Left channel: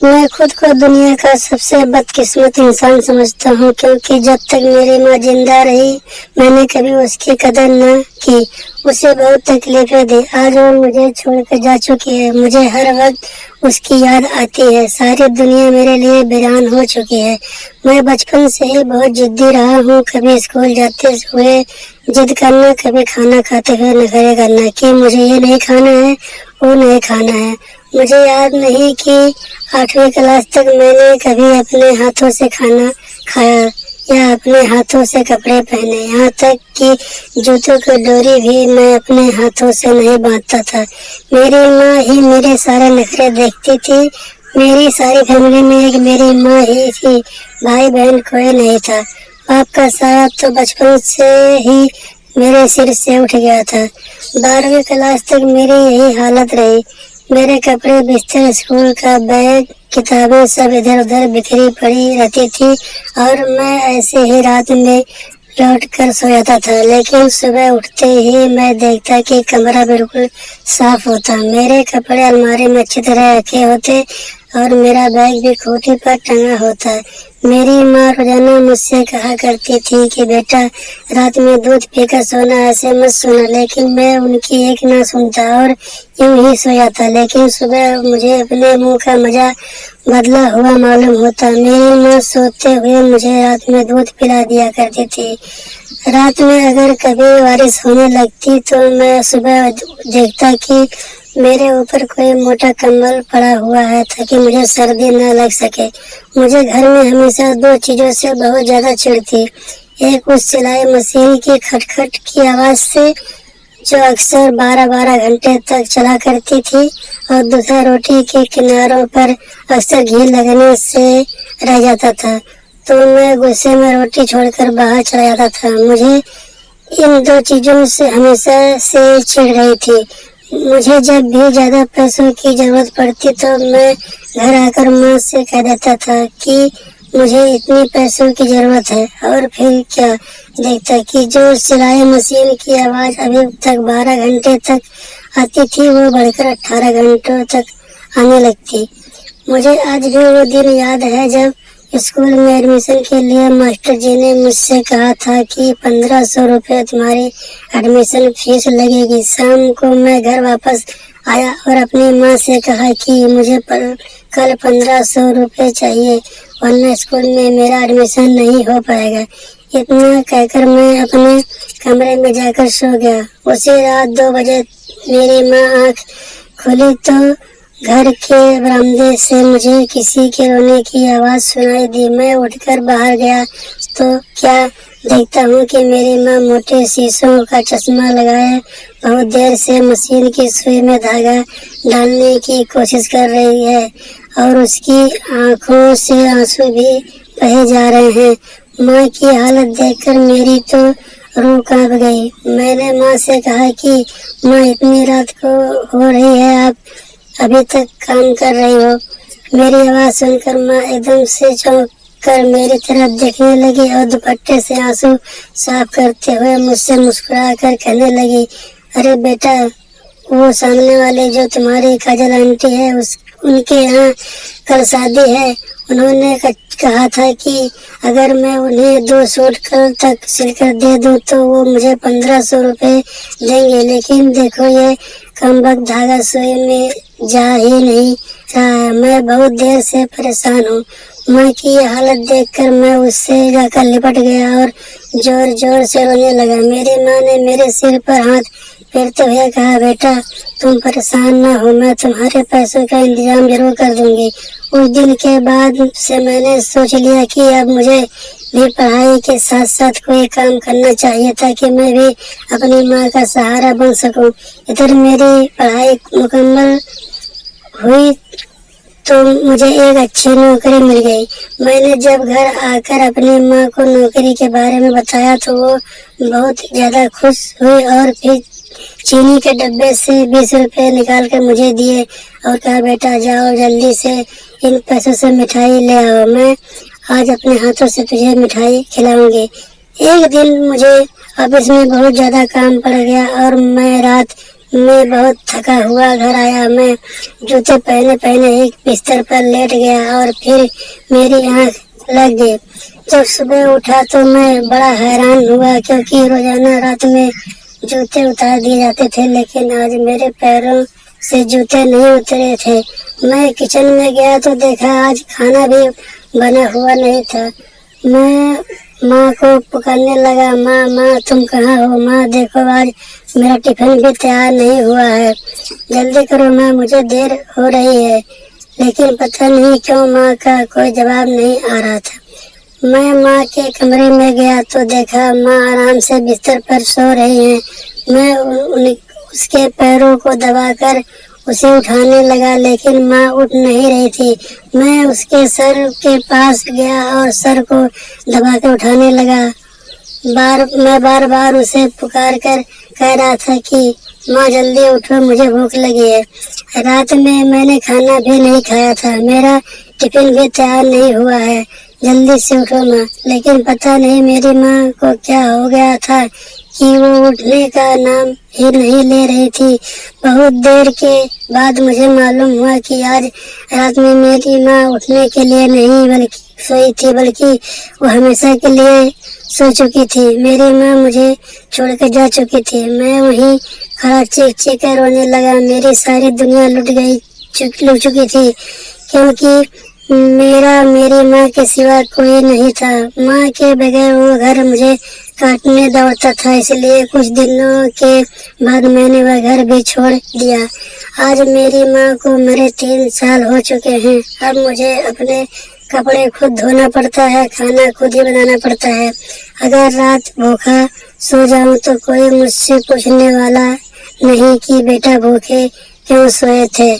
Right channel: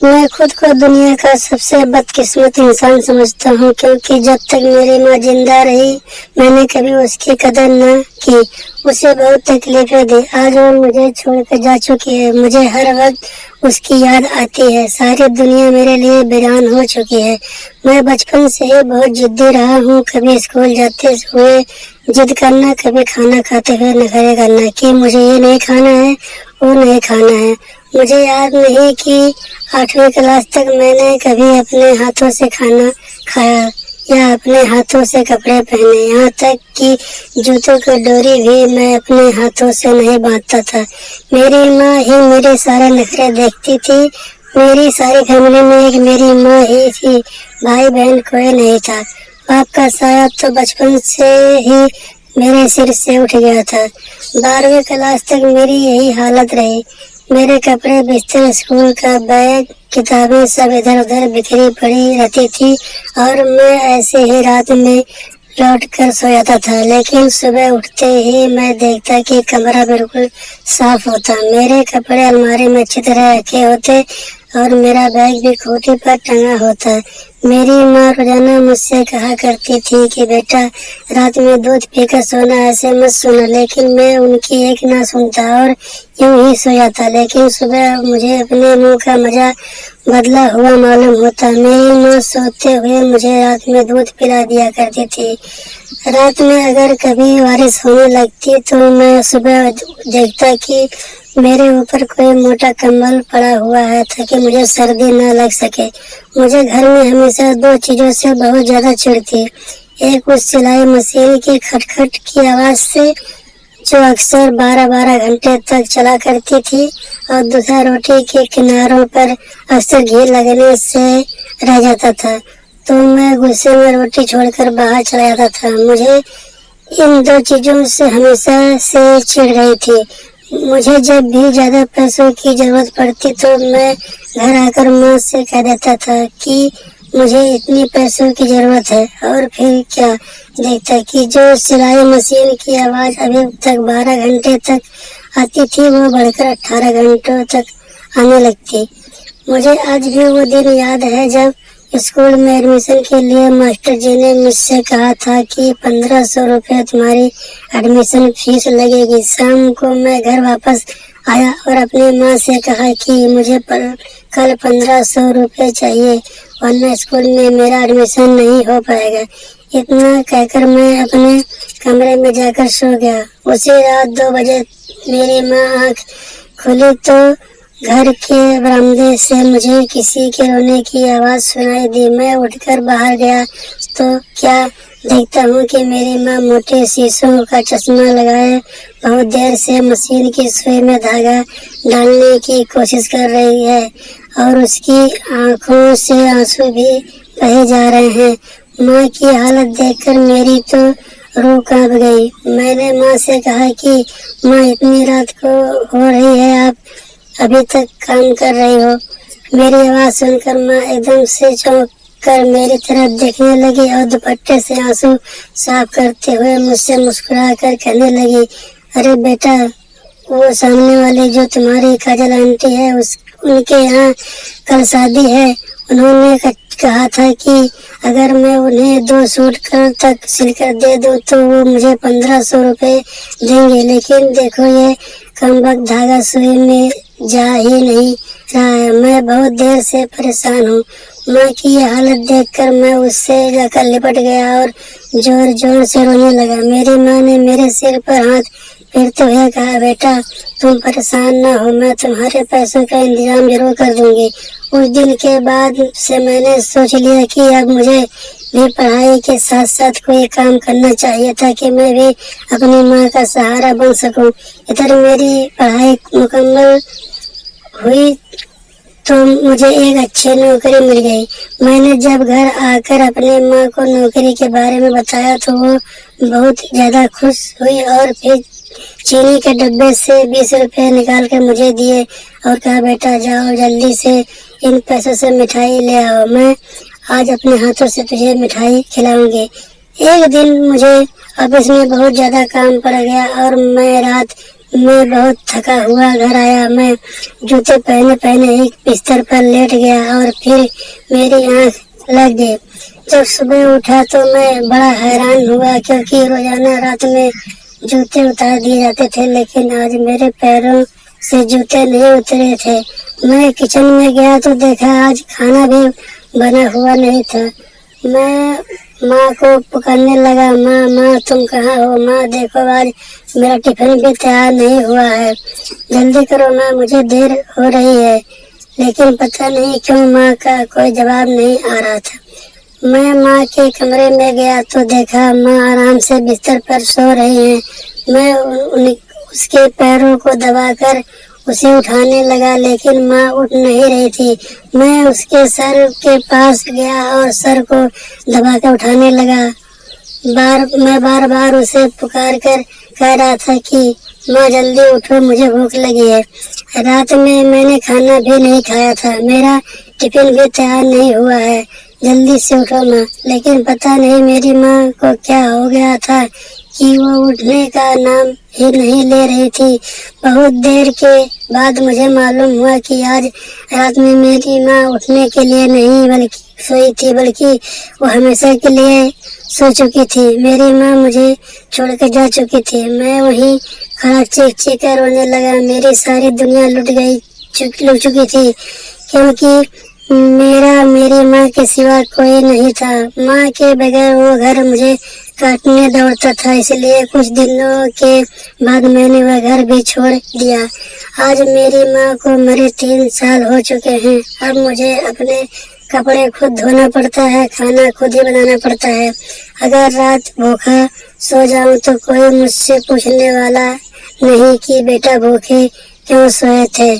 मैं खुद को दुनिया का सबसे बदकिस्मत इंसान समझता हूँ, क्योंकि जब तक मेरी माँ जिंदा रही मैंने कभी उसकी कदर न की। उसे बहुत तकलीफें दी। आज वो मुझे छोड़कर जा चुकी है। मुझे हर वक्त उसकी याद आती है। सारी दुनिया मेरे लिए वीरान हो चुकी है। मैं बचपन से ही बहुत जिद्दी रहा हूँ। कभी स्कूल जाते हुए जिद करना, कभी खाना खाते हुए नखरे करना कि मुझे ये नहीं खाना है, वो नहीं खाना है। मुझे याद नहीं कि 8वीं क्लास तक मैंने कभी अपने हाथों से खाना खाया या अपने हाथों से कपड़े पहने। यहाँ तक कि जूतों की डोरी भी मैं अपने हाथों से नहीं बांधता था। मेरी माँ ही मेरे सारे नखरे देखती थी। मेरी सारी फैमिली में एक मेरी माँ ही थी। भाई बहन कोई नहीं था। बाप का साथ तो बचपन से ही मेरे सिर से उठ गया था। 12वीं क्लास तक मेरी यही हालत रही। मेरे कपड़े, बिस्तर, स्कूल का बैग, किताबें सब इधर उधर बिखरी पड़ी रहती थी और मैं ऐसे ही रात में लौट कर सो जाता था। लेकिन सुबह उठते ही मैं देखता कि कमरा बिल्कुल साफ होता, मेरे कपड़े अलमारी में अच्छी तरह रखे होते और मेरा बैग भी खूंटी पर टंगा होता। मेरी माँ रोजाना मुझसे कहा करती थी कि बेटा, रात में दूध पीकर सोना, ऐसे मत सोना। लेकिन मैं उनकी एक ना सुनता और यूं ही सो जाता। लेकिन सुबह मुझे अपने मुंह का मजा बदला हुआ मालूम होता। मेरी माँ सोते हुए मुझे रात में दूध पिला दिया करती थी। रात में अगर कभी बारिश होने लगती तो मैं सुबह देखता कि मेरे ऊपर कोई मोटा कंबल पड़ा हुआ है ताकि मुझे सर्दी न लग सके। मुझे घर में हमेशा दो चीजों से बहुत ज्यादा चिढ़ थी। एक उस सिलाई मशीन की खटखट की आवाज से, जो अक्सर 12-12 घंटे तक चला करती थी, और दूसरा रोटी के किनारों पर अक्सर घी लगने से रह जाता था तो मैं गुस्से में रोटी छोड़कर बाहर चला जाता था। मुझे इन दो चीजों से हमेशा से चिढ़ रही थी। मुझे जब भी ज्यादा पैसों की जरूरत पड़ती तो मैं घर आकर माँ से कह देता था कि मुझे इतनी पैसों की जरूरत है, और फिर क्या देखता कि जो सिलाई मशीन की आवाज अभी तक 12 घंटे तक आती थी वो बढ़कर 18 घंटों तक आने लगती। मुझे आज भी वो दिन याद है जब स्कूल में एडमिशन के लिए मास्टर जी ने मुझसे कहा था कि 1500 रुपये तुम्हारी एडमिशन फीस लगेगी। शाम को मैं घर वापस आया और अपनी माँ से कहा कि मुझे कल 1500 रुपये चाहिए, वरना स्कूल में मेरा एडमिशन नहीं हो पाएगा। इतना कहकर मैं अपने कमरे में जाकर सो गया। उसी रात 2 बजे मेरी माँ आँख खोली तो घर के बरामदे से मुझे किसी के रोने की आवाज सुनाई दी। मैं उठकर बाहर गया तो क्या देखता हूँ कि मेरी माँ मोटे शीशों का चश्मा लगाए बहुत देर से मशीन की सुई में धागा डालने की कोशिश कर रही है और उसकी आंखों से आंसू भी बहे जा रहे हैं। माँ की हालत देखकर मेरी तो रूह कांप गई। मैंने माँ से कहा कि माँ, इतनी रात को हो रही है, आप अभी तक काम कर रही हो। मेरी आवाज सुनकर माँ एकदम से चौंक कर मेरी तरफ देखने लगी और दुपट्टे से आंसू साफ करते हुए मुझसे मुस्कुरा कर कहने लगी, अरे बेटा, वो सामने वाले जो तुम्हारी काजल आंटी है उनके यहाँ कल शादी है। उन्होंने कहा था कि अगर मैं उन्हें 2 सूट कल तक सिलकर दे दूं तो वो मुझे 1500 रुपये देंगे। लेकिन देखो, ये कमबख्त धागा सुई में जा ही नहीं रहा है। मैं बहुत देर से परेशान हूँ। माँ की हालत देखकर मैं उससे जाकर लिपट गया और जोर जोर से रोने लगा। मेरी माँ ने मेरे सिर पर हाथ फेरते हुए कहा, बेटा, तुम परेशान ना हो, मैं तुम्हारे पैसों का इंतजाम जरूर कर दूंगी। उस दिन के बाद से मैंने सोच लिया कि अब मुझे भी पढ़ाई के साथ साथ कोई काम करना चाहिए ताकि मैं भी अपनी माँ का सहारा बन सकूं। इधर मेरी पढ़ाई मुकम्मल हुई तो मुझे एक अच्छी नौकरी मिल गई। मैंने जब घर आकर अपनी माँ को नौकरी के बारे में बताया तो वो बहुत ज्यादा खुश हुई और फिर चीनी के डब्बे से 20 रुपए निकाल कर मुझे दिए और कहा, बेटा जाओ जल्दी से इन पैसों से मिठाई ले आओ, मैं आज अपने हाथों से तुझे मिठाई खिलाऊंगी। एक दिन मुझे ऑफिस में बहुत ज्यादा काम पड़ गया और मैं रात मैं बहुत थका हुआ घर आया। मैं जूते पहने पहने एक बिस्तर पर लेट गया और फिर मेरी आंख लग गई। जब सुबह उठा तो मैं बड़ा हैरान हुआ, क्योंकि रोजाना रात में जूते उतार दिए जाते थे, लेकिन आज मेरे पैरों से जूते नहीं उतरे थे। मैं किचन में गया तो देखा आज खाना भी बना हुआ नहीं था। मैं माँ को पुकारने लगा, माँ माँ तुम कहाँ हो? माँ देखो आज मेरा टिफिन भी तैयार नहीं हुआ है, जल्दी करो माँ, मुझे देर हो रही है। लेकिन पता नहीं क्यों माँ का कोई जवाब नहीं आ रहा था। मैं माँ के कमरे में गया तो देखा माँ आराम से बिस्तर पर सो रही है। मैं उसके पैरों को दबाकर उसे उठाने लगा, लेकिन माँ उठ नहीं रही थी। मैं उसके सर के पास गया और सर को दबाकर उठाने लगा। मैं बार बार उसे पुकार कर कह रहा था कि माँ जल्दी उठो, मुझे भूख लगी है। रात में मैंने खाना भी नहीं खाया था, मेरा टिफिन भी तैयार नहीं हुआ है, जल्दी से उठो माँ। लेकिन पता नहीं मेरी माँ को क्या हो गया था कि वो उठने का नाम ही नहीं ले रही थी। बहुत देर के बाद मुझे मालूम हुआ कि आज रात में मेरी माँ उठने के लिए नहीं बल्कि सोई थी, बल्कि वो हमेशा के लिए सो चुकी थी। मेरी माँ मुझे छोड़ कर जा चुकी थी। मैं वहीं खड़ा चीख चीख कर रोने लगा। मेरी सारी दुनिया लुट चुकी थी, क्योंकि मेरी माँ के सिवा कोई नहीं था। माँ के बगैर वो घर मुझे काटने दौड़ता था, इसलिए कुछ दिनों के बाद मैंने वह घर भी छोड़ दिया। आज मेरी माँ को मेरे 3 साल हो चुके हैं। अब मुझे अपने कपड़े खुद धोना पड़ता है, खाना खुद ही बनाना पड़ता है। अगर रात भूखा सो जाऊं तो कोई मुझसे पूछने वाला नहीं कि बेटा भूखे क्यों सोए थे।